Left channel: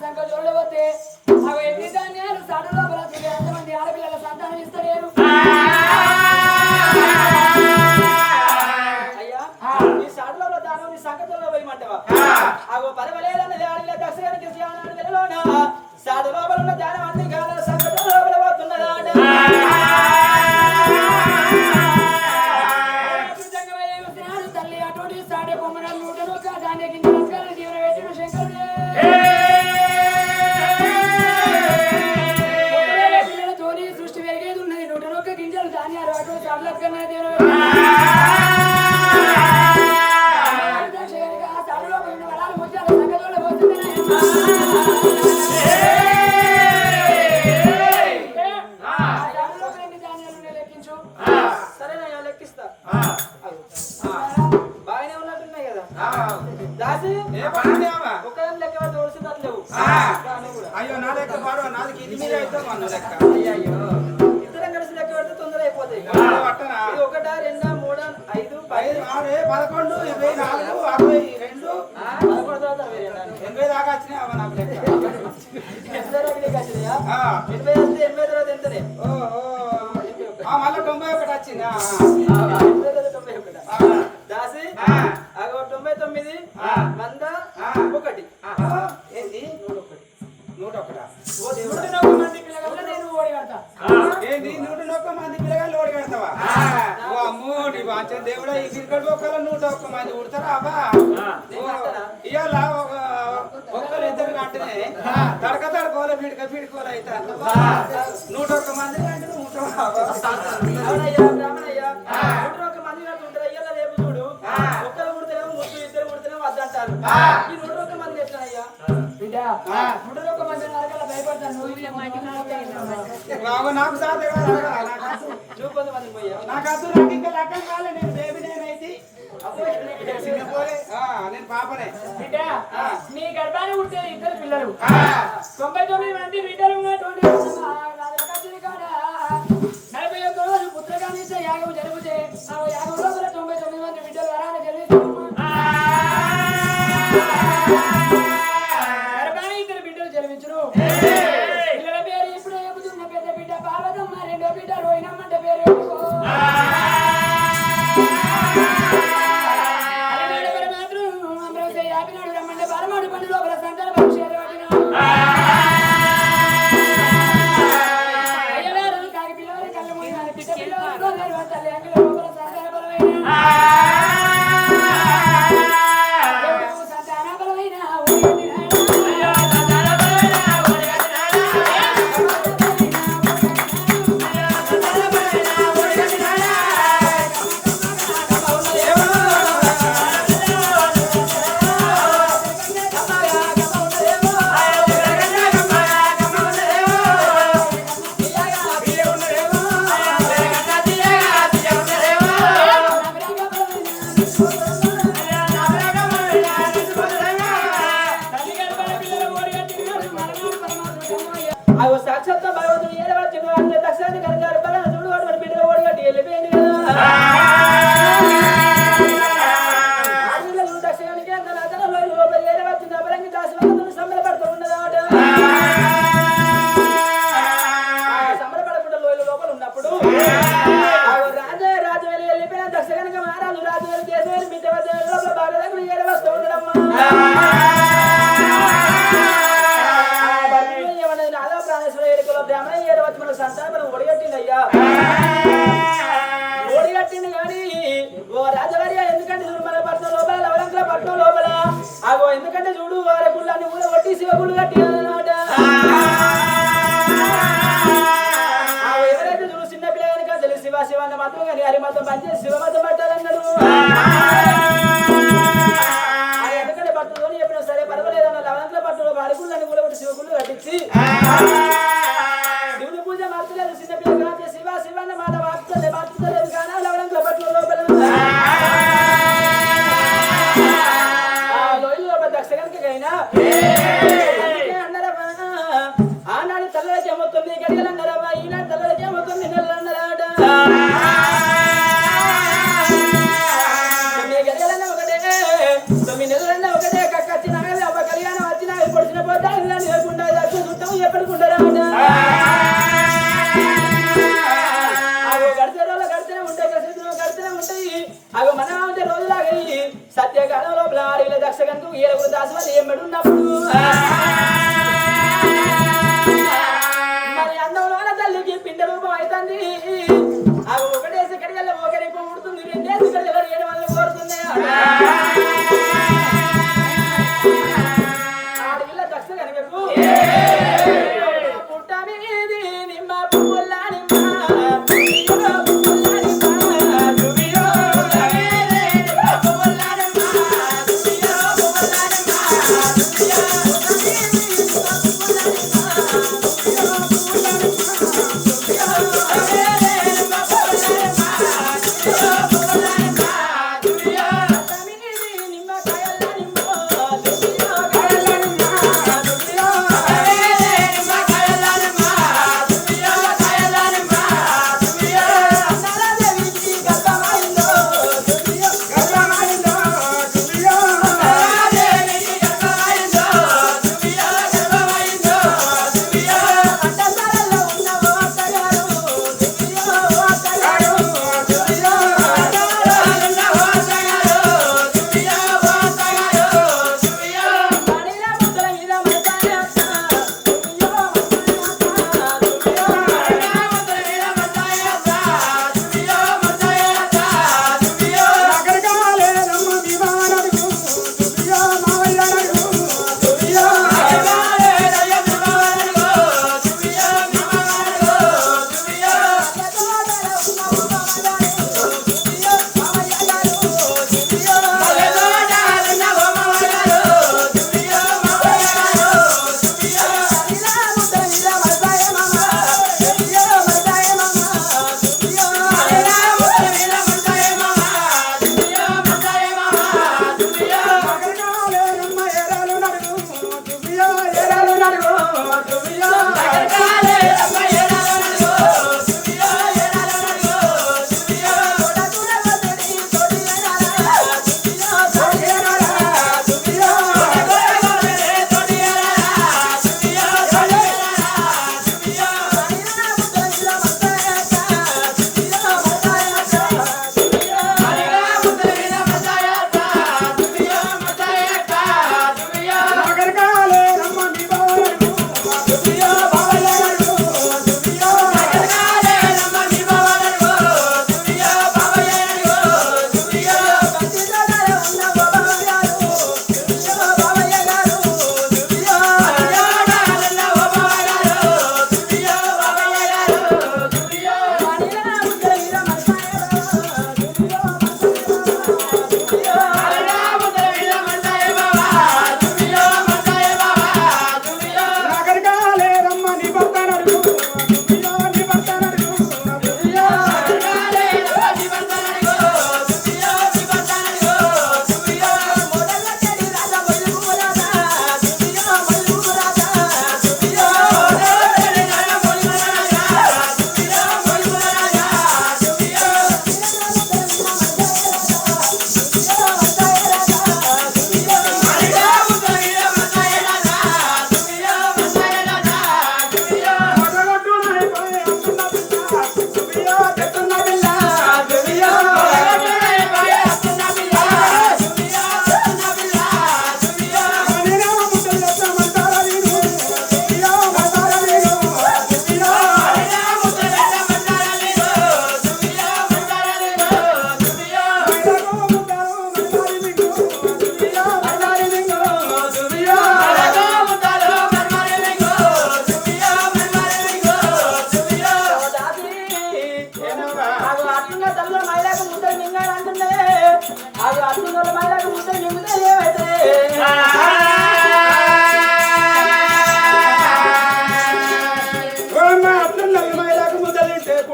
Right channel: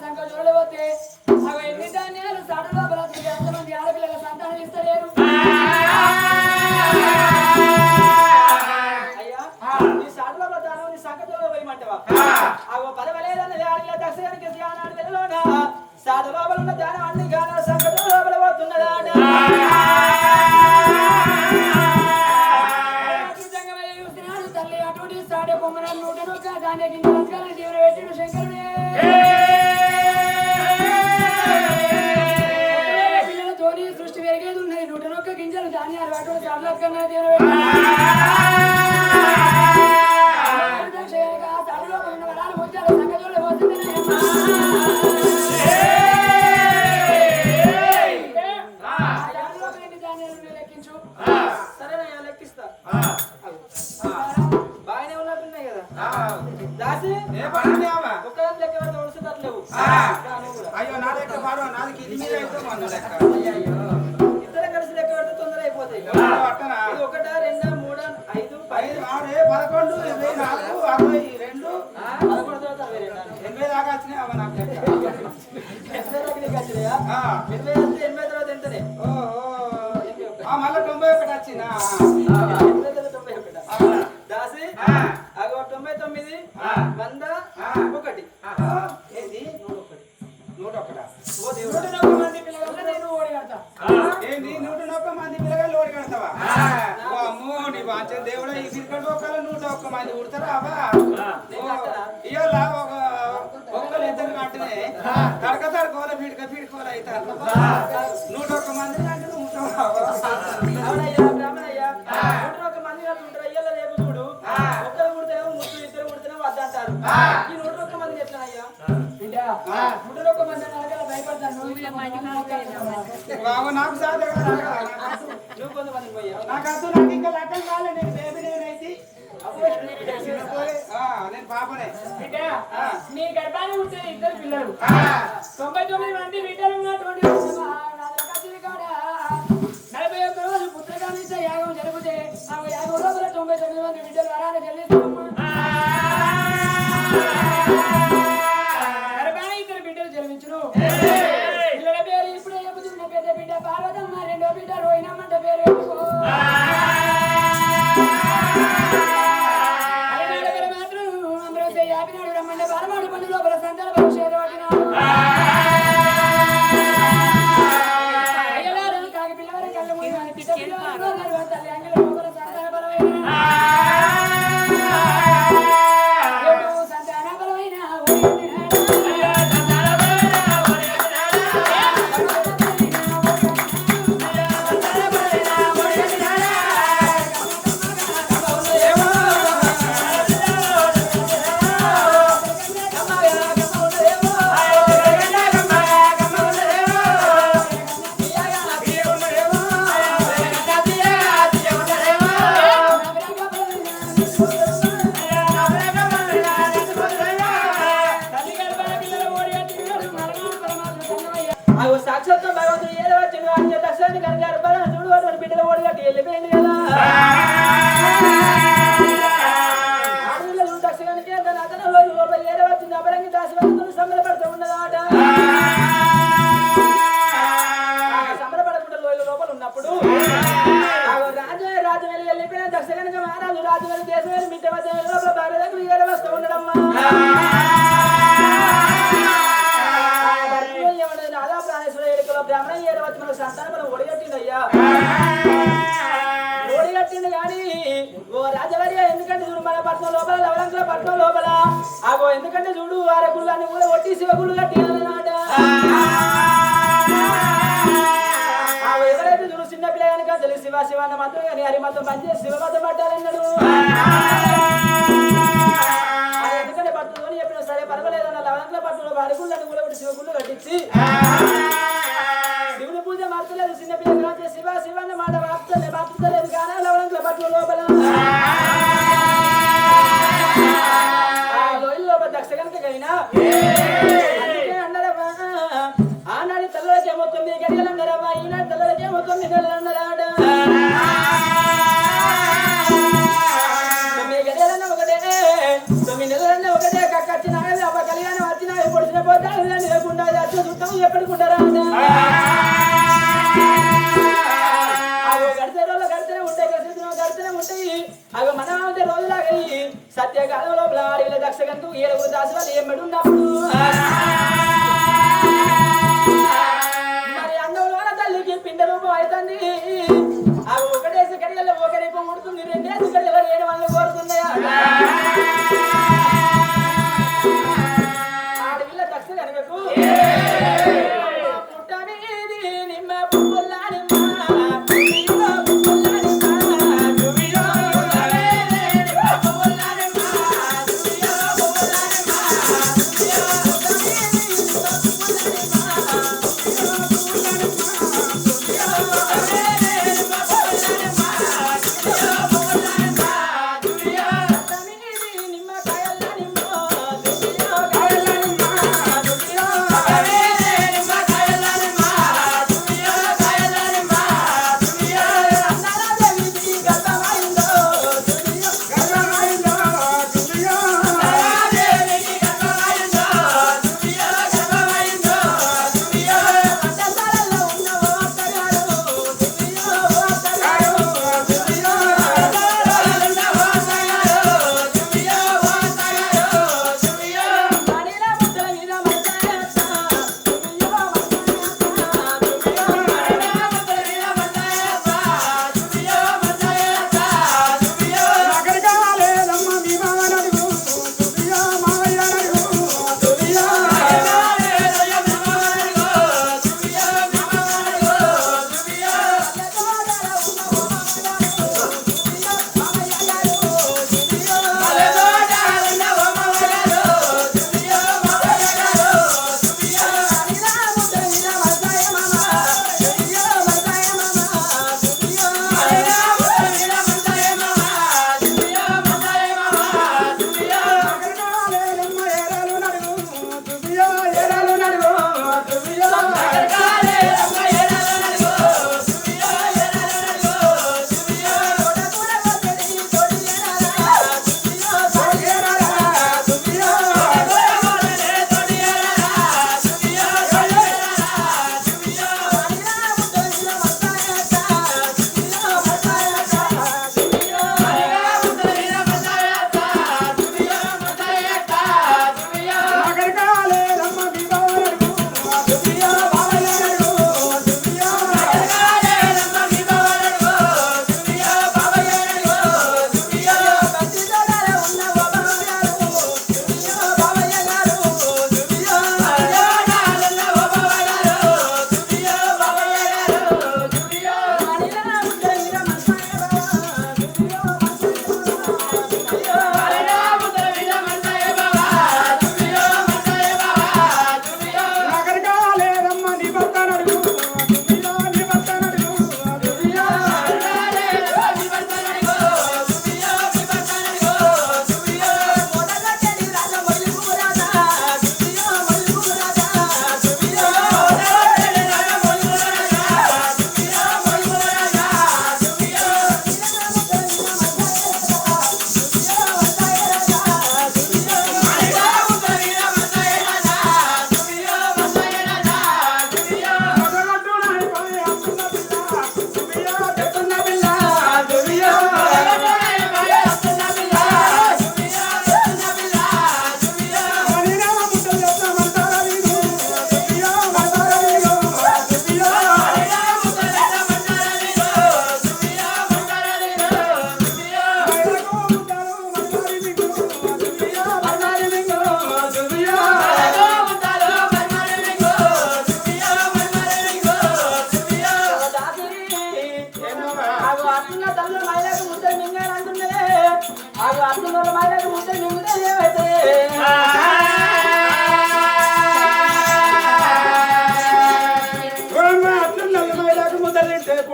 ಸಂಘ ಜೊಳ್ಳವತ್ತೆ ఎనభై వస్తే ఎనభై తర్వాత ఎంతనే భయపడతారు మీ గర్భాన్ని ఉంటే ఇద్దరు పిల్లలు. తొంభై తొమ్మిది మంది బిడ్డలు నలభై ఒక్క రోజు పుత్రకామిస్తే యాగం జరిపితే ఆ యాగంలో తొంభై తొమ్మిది మంది Yeah. కనుక మహారాజు రాజు గారు దేశమైన బిడ్డ వద్ద భార్య దగ్గర వస్తూ ఉండడమ్మా. బ్రాహ్మణ ఏడవత్మలు సంతానములు ఒడిగట్టిండయ్యా. ఒడిగట్టిండు కానీ ఓ రాజవర్య ఎందుకంటే చూడు మన పట్నం లోపల లవలంకుల పట్నం లోపల. అగో ఎందుకంటే చూడు వారి గుళ్ళాన్ని కూడా కొట్టి శివగుళ్ళు కట్టినాడు తెలుగు శివ శివన్న మాత్రం కానీ హరి మాత్రం పనిచేసి శివ మాత్రం పట్టాలన్నాడు. ఎందుకంటే పట్టుకొని చెప్పినా సరే పర్వాలేదన్న పట్టు పట్టులో అడుగులని కూడా శివకులు కట్టించి దర్శనం ఉంటుంది అవి మన రోజులాగా సత్యకాలం లోపల అడవిలో దక్షగంకు ఏరుగురు దాసు ఏమడున్నప్పుడు మరి అందమైన తల్లికి పిండ రూపం అవుతుంది అవి ఒకటేసి కడిగల్లో ఒకరిపం ఉడుతుంది నేను కోరుతున్నాయా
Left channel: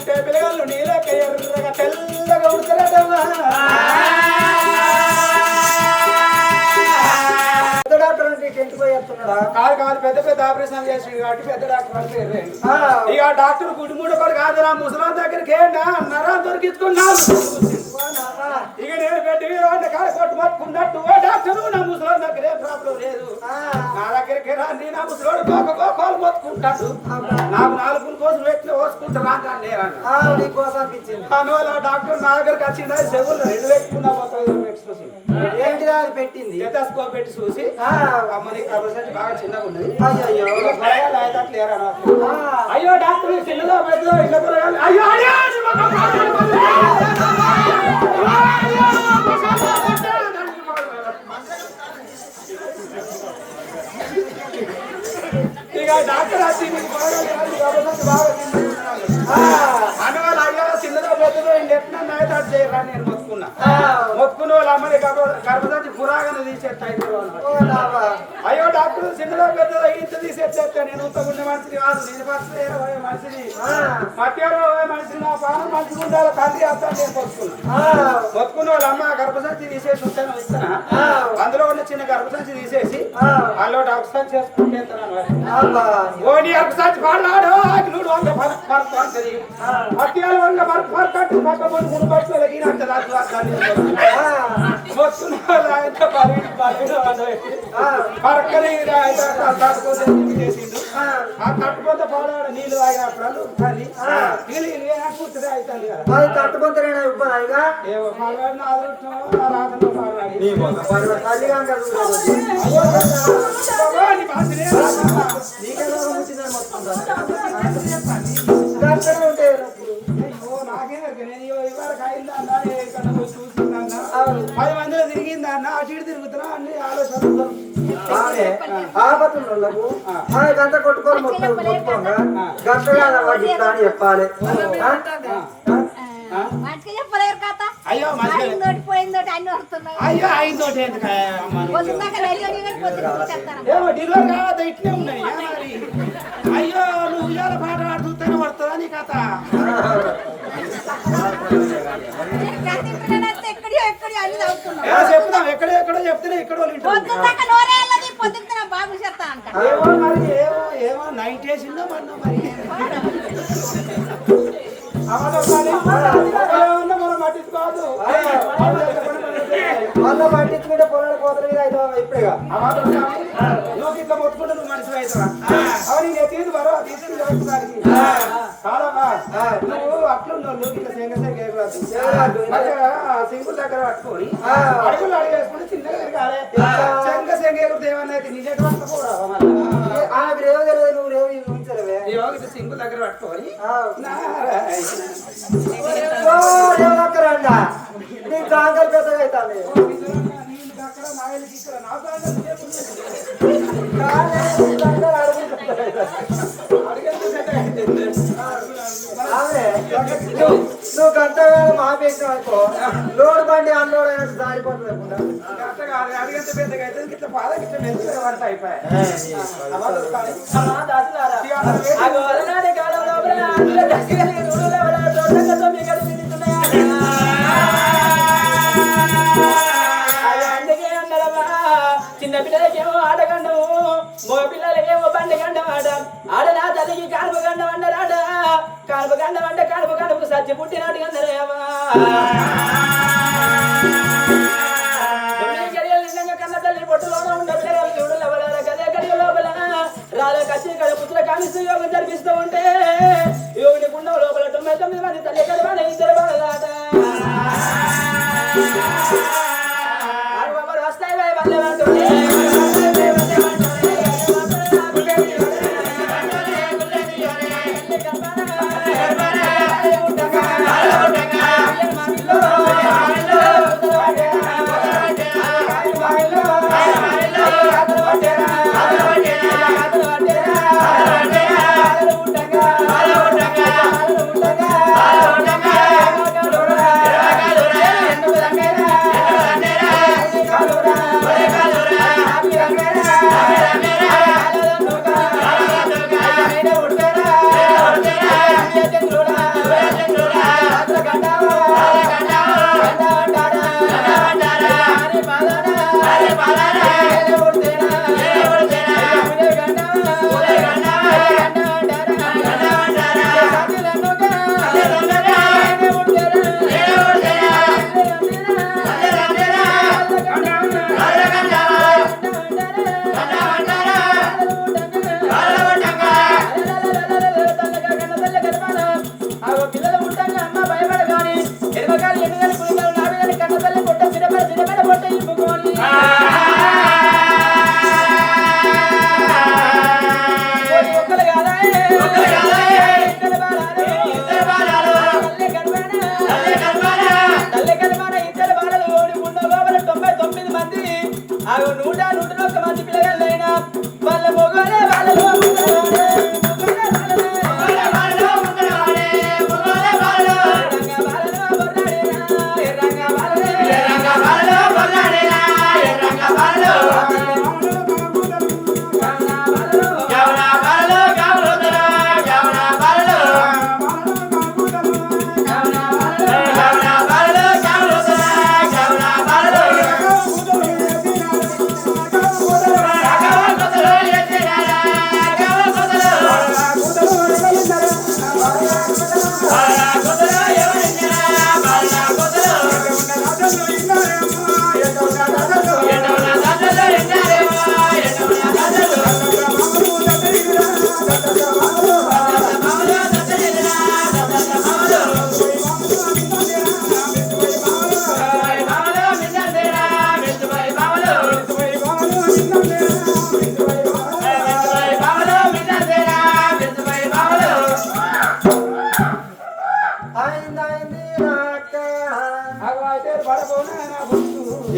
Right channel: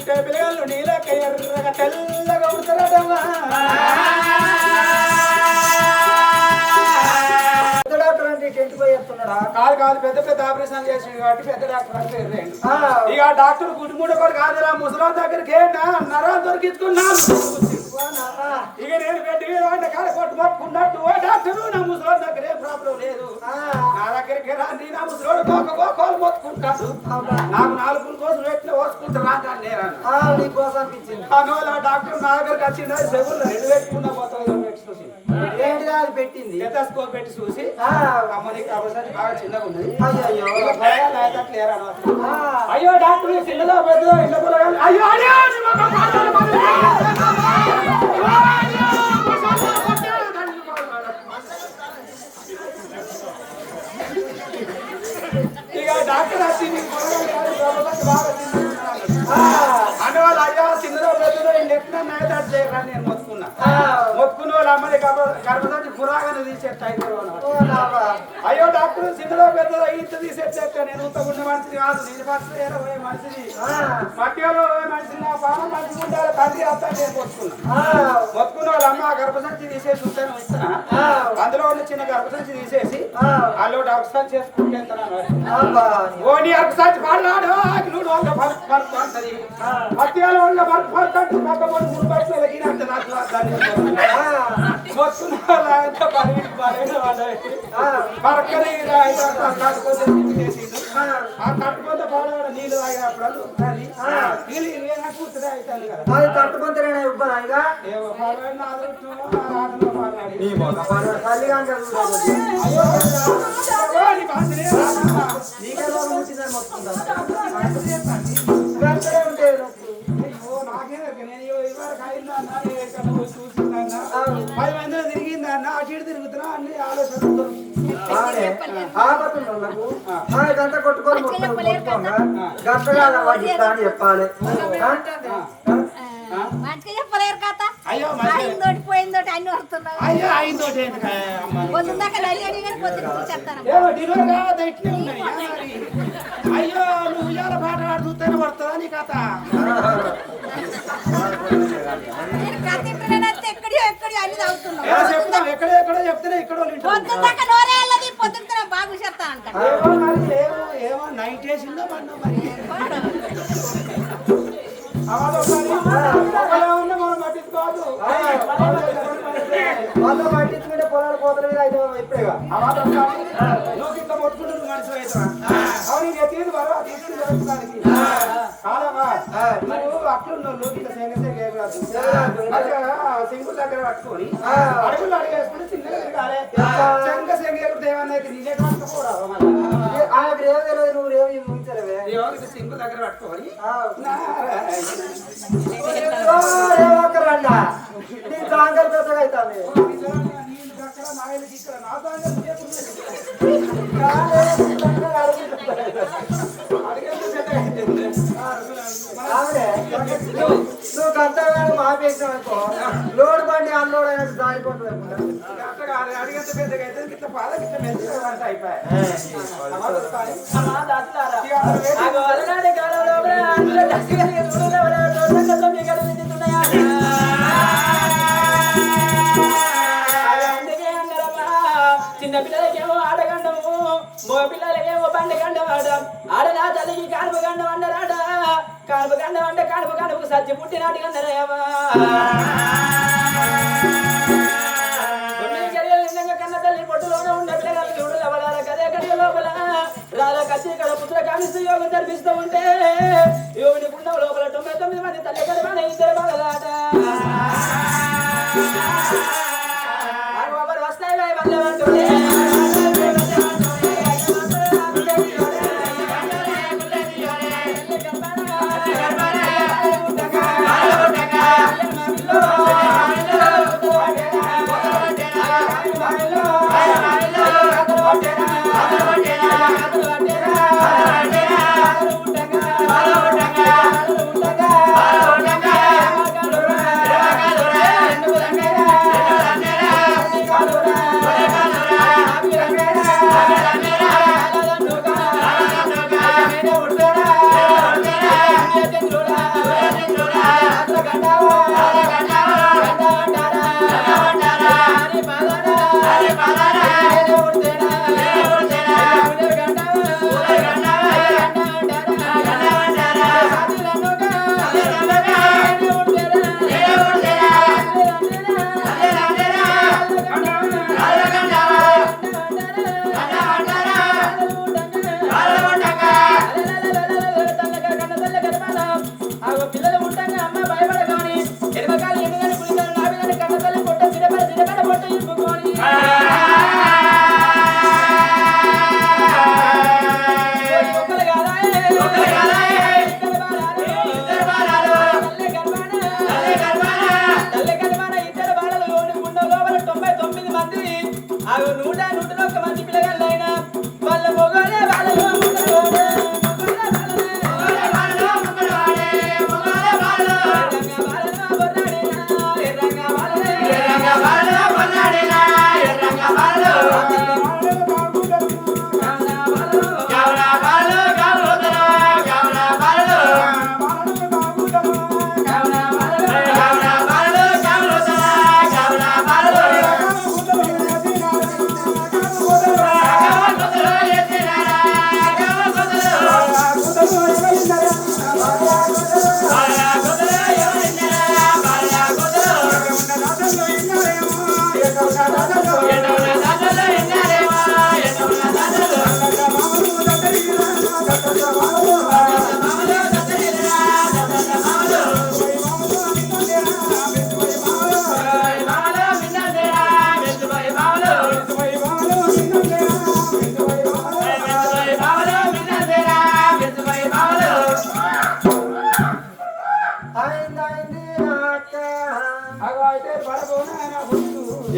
పుట్టే పిల్లలు నీలక ఎర్రగ తెల్లగా డాక్టర్ అంటే ఇంటికి పోయి చెప్తున్నాడా? కాదు కాదు పెద్ద పెద్ద ఆపరేషన్ చేసి కాబట్టి పెద్ద డాక్టర్ అంటే ఇక డాక్టర్ గుడిమూడ కూడా కాదురా ముసలాం దగ్గరికి నరాలు దొరికించుకున్నాను ఇక నేను పెట్టి వాడిని కాడ కొట్టు పట్టుకున్నట్టు ఓ డాక్టర్ నా ముసలాం దగ్గర ఏ ప్రాబ్లం లేదు. నా దగ్గరికి రండి నా ముసలోడు గోక గోకోలు మొత్తుకుంటాడు నాకు నాలుగు కోసం పెట్టిన ఓసుకుంటా రాంటాను నేను ఆ, నీకు కోసం అనిపించింది అందువల్ల డాక్టర్ నా దగ్గరికి వచ్చిందా చెవులు రెండు పెట్టుకున్నా ఎక్స్ప్రెషన్ ఏంటిదా అది పెట్టింది స్టెథోస్కోప్ పెట్టి చూసి. అమ్మని కాబట్టి బాగా చిన్నగా ఉన్నది. ఆ. అయ్యో డాక్టర్ చిన్నదో పెద్దదో ఇళ్ళ పొరగాలు అయ్యో అయ్యో నీ. అయ్యో, డాక్టర్ వచ్చి మీకు బాగా అందువల్ల అయ్యో చిన్నదో పెద్దదో ఇల్లు ఎట్లా నాయటాడు చేయరా నేను మొత్తుకున్నా. వాళ్ళ అమ్మని గర్భవతి పురాగానే తీసేట. అయ్యో డాక్టర్ చిన్నదో పెద్దదో ఇంత తీసేస్తే నేను ఉత్తగుండే మనిషిని కాదు నేను ఏ మనిషిని ఏ మనిషిని నా పానం మంచిగా ఉండాలి తండ్రి అత్త నేను. మొత్తుకున్న వాళ్ళ అమ్మ గర్భసంచి తీసేసి ఉంటాను ఇస్తానా. అందులో ఉన్న చిన్న గర్భసంచి తీసేసి. వాళ్ళు డాక్టర్ చేసుకుంటే. ఓ నీ వంగ పరుపు పరుపు అంటే పక్క ముందు మూడు బయటలో వాళ్ళ ఆయన పదిహేను పదిహేను వాళ్ళు తట్టుకొని ఆ. నీళ్ళు తాగినప్పుడు నీళ్ళు అవుతుంది అది తట్టుకుంటేనే ఇబ్బంది ఏమో పర్వాలేదు అదృష్టమో ఆ అయిందోటి ఎందుకు అమ్మ. నీకు? పొద్దున్నాక నడిగడి కానీ పొద్దున్న చెప్తాను ఏమో డిన్నర్ కావద్దు ఇట్లే ఉన్నాయి ఏ మరి? అయ్యో నువ్వు ఉయ్యాల పాట పాడుతూనే పడుతుందా నీ కథ? చెప్తాం ఎక్కడ ఎక్కడో చెప్తేనే ఇక్కడ వాళ్ళు వింటారు. పొద్దున్నాక నోరే అల్లది పొద్దున్న బాబు చెప్తా అంట ఏమో మరి ఏమో ఏమో నైట్ వేసిందో మనం పట్టించుకోవద్దు. వాళ్ళ పట్టించుకుంటే పొలాలు కోతల మీద అయితే ఇప్పుడేగా. నువ్వు ఇట్లా కొట్టుకుంటే నువ్వు మనిషి అవుతావా అవన్నీ నేను తీరు బరో తీసుకుని కాదమ్మా నువ్వు అట్లున్నావు సెంగ ఎగరద్దు. మంచిగా సింకుల దగ్గర పట్టుకొని అడుగులు అడుగు వేసుకుని చిన్నగా తిరగాలి సెంగ ఎగురుతే ఏమన్నా అయితే నీ దగ్గర మళ్ళీ. ఆమెకు రేవు తెలియదు నువ్వు రేవు దగ్గర పట్టుకొని నారాయణ. ఓ, రేవు ఒక్కరండా నీ జాంగల్ పెద్దగా అవుతాంది నీళ్ళు దక్కర, నాయలకి ఇక్కడ, నా బాగా నీకు కానీ నీ జాంగల్ అడుగుతుంది. నువ్వు నువ్వు గంట వేళ మాపేసావు అనుకో లోడ్ బండి అన్లోడ్ అయినట్టు జారిపోతుంది పెద్దగా. ఇట్లా ఇట్లా అన్నారమ్మా, చిన్న పిల్లలకేమో ఆటగండము మగ పిల్లలకేమో బండి గండం ఆట ఆడనా తల్లికి కానుపు గండం కానుపు గండం అంటే కానుపు కానుపు సచ్చి పుట్టినట్టు అన్నారేమా కన్న తల్లి పొట్టులోనే ఉన్న పిల్లగాలు చూడు ఎవడాల కదే గడియ లోపల. రాల కచ్చి కడ పుత్ర కామిస్తూ యోగం జరిపిస్తూ ఉంటే యోగిని గుండం లోపల తొమ్మిది తొమ్మిది మంది తల్లి కలిపాడ ఇద్దరు బాధలాట ఆడవాళ్ళు వస్తాయి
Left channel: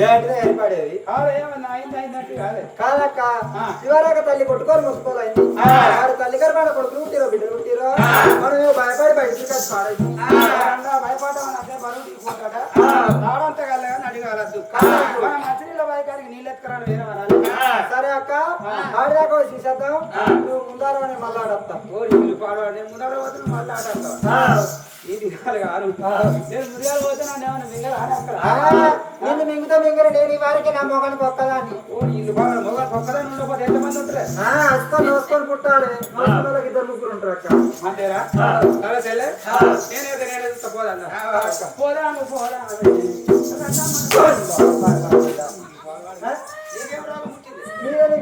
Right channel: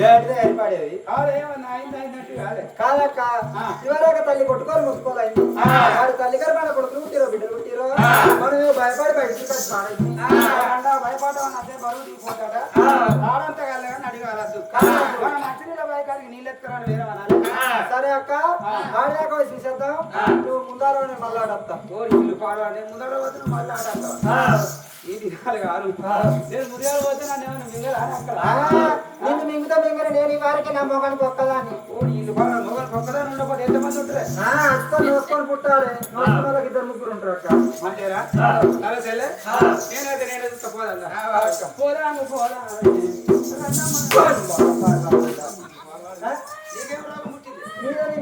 ఏంటిదో ఏర్పడేది కాదక్క ఇవరాక తల్లి కొట్టుకొని ముసుకోవాలండి వాడు తల్లి గారు మన కొడుకులు పుట్టిరో బిడ్డలు పుట్టిరో మనం భయపడి బయటికి వచ్చి పాడైంది. భయపడడం అదే బరువు తీసుకుంటాడ రాడంతా కలగాని అడిగాలద్దు మన బాయికాడికి నీళ్ళు ఎత్తుకురాను ఏమనాలి అక్క ఆడిదాకా చూసేద్దాం. నువ్వు ముందార మళ్ళీ ఆడొస్తా ఓ ఇల్లు పాడవాడి ముందర పోతే మళ్ళీ ఆడాలి ఇది కాదు. కాదు నేను ముందుగా పోతే నన్ను ఏమైనా అక్కడ? నిన్ను మింగుతా మింగర నేను ఈ వారికి నా మొగని పొక్కదాన్ని. ఓ ఇల్లు పాడ మొగ ఒక్కదాని ఉండకపోతే ఎంతమంది ఉంటారే? నోసుకొని పుట్టాలి. ఇద్దరు ముగ్గురు ఉంటారు అక్క. అంతేరా నేనైతే పోదా నువ్వు పోదా నీకేం రోగం పుట్టింది మీరే మిండుతున్నాడా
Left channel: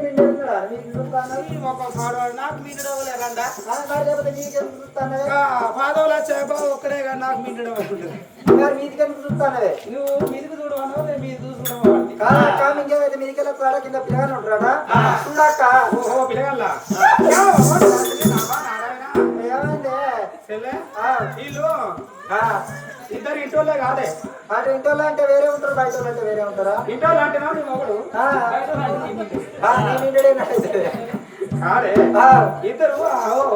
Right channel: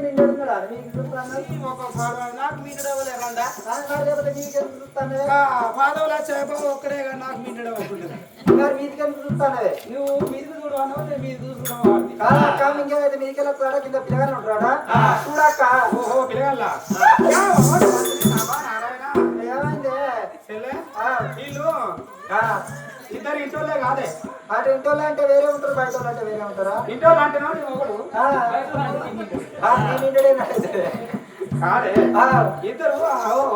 మీకు చూస్తాను ఈ ఒక పాడవాడు నాకు మీడు డబ్బులేరండా లేకపోతే మీకెందుకు చూస్తానే పాదవులు వచ్చాక ఒక్కడే కానీ నాకు డబ్బులు మరి మీదికెందుకు చూస్తానవే నువ్వు మీదికి చూడవను నేను మీది చూసుకోవడం వాడిని కాదక్క ఇంకేమైతే మీదికి వెళ్ళొస్తాడా కింద పిల్లగానే ఉంటాడా చూడక్క ఓహో నారాయణ ఏమైంది వీళ్ళు ఇద్దరు ఇంటోళ్ళే కాదే. అటు ఇంటోళ్ళు అంటే వేరే ఉంటారు బయట అంటే వేరే ఉంటారా? ఇంటోళ్ళు అంటే నీ ఇద్దరు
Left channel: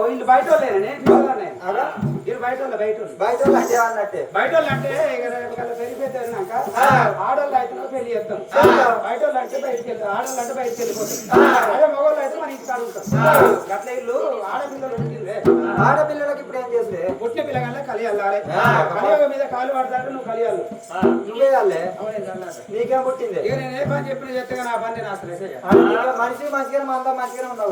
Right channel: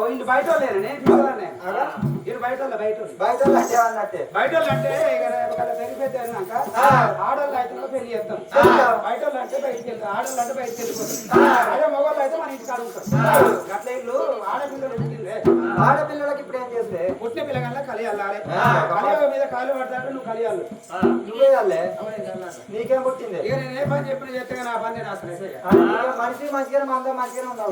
వీళ్ళు బయట వాళ్ళేనే వీళ్ళు బయట వాళ్ళు బయట బయట వాళ్ళు అంటే బయట వాళ్ళు అంటే పెరిగిపోతే అన్నాక ఆడోళ్ళు అయితే నువ్వు పెళ్ళి చేస్తాం బయట వాళ్ళు అంటే బయటికి వెళ్తాం ఆడోళ్ళు అంటే బయటికి వెళ్ళిపోతాం అదే మగవాళ్ళు అయితే మన ఇంటికి అడుగుతాం అట్లా ఇల్లు ఆడపిల్లలు ఉంటుందే ఆడపిల్లలకి ఇప్పుడు ఏం చేస్తే? పుట్టిన పిల్లగానే కలియాలి కలియాల మీద కాలు పడతాడు నువ్వు కలియాలి. నువ్వే చల్లాలి. నీకేం పుట్టింది? ఇక నేను ఏ పని చెప్పిన చెప్తే నా పని నేను అసలు మనిషి మంచిగానే మందా మంచిగానే ఉన్నావు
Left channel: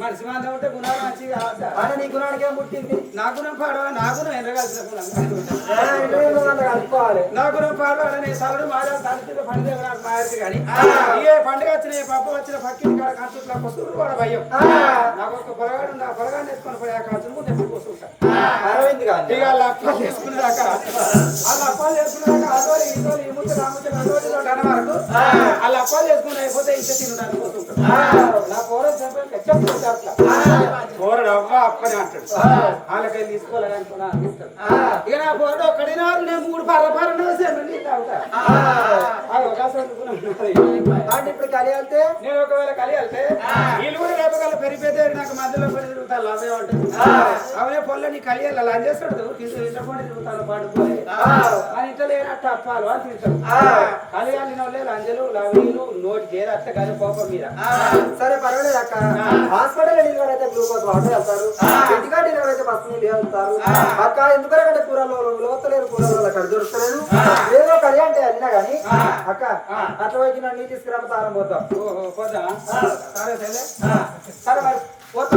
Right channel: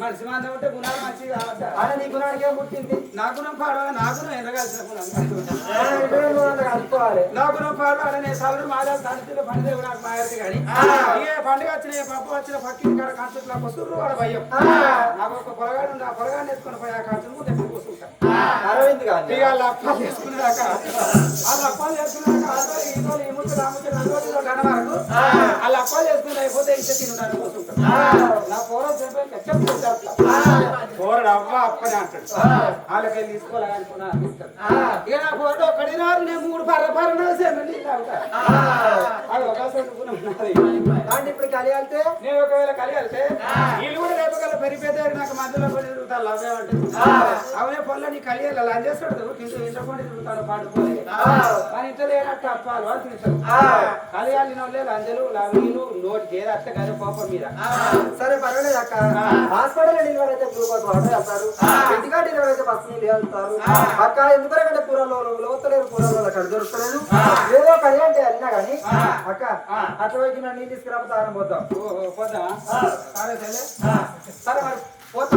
మనిషి మంద ఉంటే గుణాలు మంచిగా? అంటే నీ గుణానికి ఏం పుట్టింది? నా గుణం పాడవా నా గుణం ఎదగాల్సిన గుణం. కలుపుకోవాలి నా గుణం పాడవా నేను సవరు మాదా తడిచిన పండుగ నాకు కానీ ఏ పండుగ వచ్చిన ఏ పప్పు వచ్చిన పక్కింటి కాడ కంచుట్లా వస్తుంది కూడా భయం. నాకు ఒక పొరగాడు ఆ పొరగాడు వేసుకొని పోయి ఆ కంచులు ముందు ఎప్పుడు కూర్చుంటా. అరవింద్ గాంధీ ఇక వాళ్ళ అప్పాలు చేసుకునేదాక వాళ్ళ అప్పాలు చేసుకునేదాక ఈ ముద్దు రాముద్దు అదోరి ఇదోరి అన్న వరకు వాళ్ళ అప్పాలు చేసుకుని అయిపోతే ఇచ్చే తినడానికి కూర్చుంటాడు నా పోరం చెప్పి. పోరడు అవ్వ అప్పని అంటాడు. వాళ్ళకి ఇస్తాడు. ఇక నా పోరడు ఒక్కడినారు నేను మూడు పర్ర పర్ర సేపు అంటే ఇప్పుడు కలియాలితే నేను ఒకవేళ కలియాలితే వీళ్ళు కూడా రేపగల పెరిగిపోతే నాకు మధ్యలో కొన్ని తిరుగుతాను అవే అంటే అవే పొల్ల నీ కలియాలి అలా చేస్తాడు తింటూ ఇంటకుండా తిరుగుతాను పండుకోలే కానీ ఇంట్లో లేనట్టు అప్పాలు అని తింటాడు కలియాలి నోళ్ళే లంజలు లవీలు నోటికి ఏది అత్త కానీ కోపం మీద. సరే పర్వాలేదు అక్క. హాస్పిటల్ డెలివరీ అయితే గ్లూకోజ్ వాటర్ వెళ్తారు. ఇంటికా డెలివరీ అయితే బస్ నీళ్ళు వెళ్తారు. అక్క ఎందుకంటే కూరలో లోతలేరు కూరలో అక్కడ దొరుకుతలేదు. ఏదో కర్రీ అంటే అన్నా కానీ అక్క అట్లా పోయి నన్ను నీళ్ళు తీసుకురా తారం పోతాం. పోతా సరే సరే సరే మరి పోతా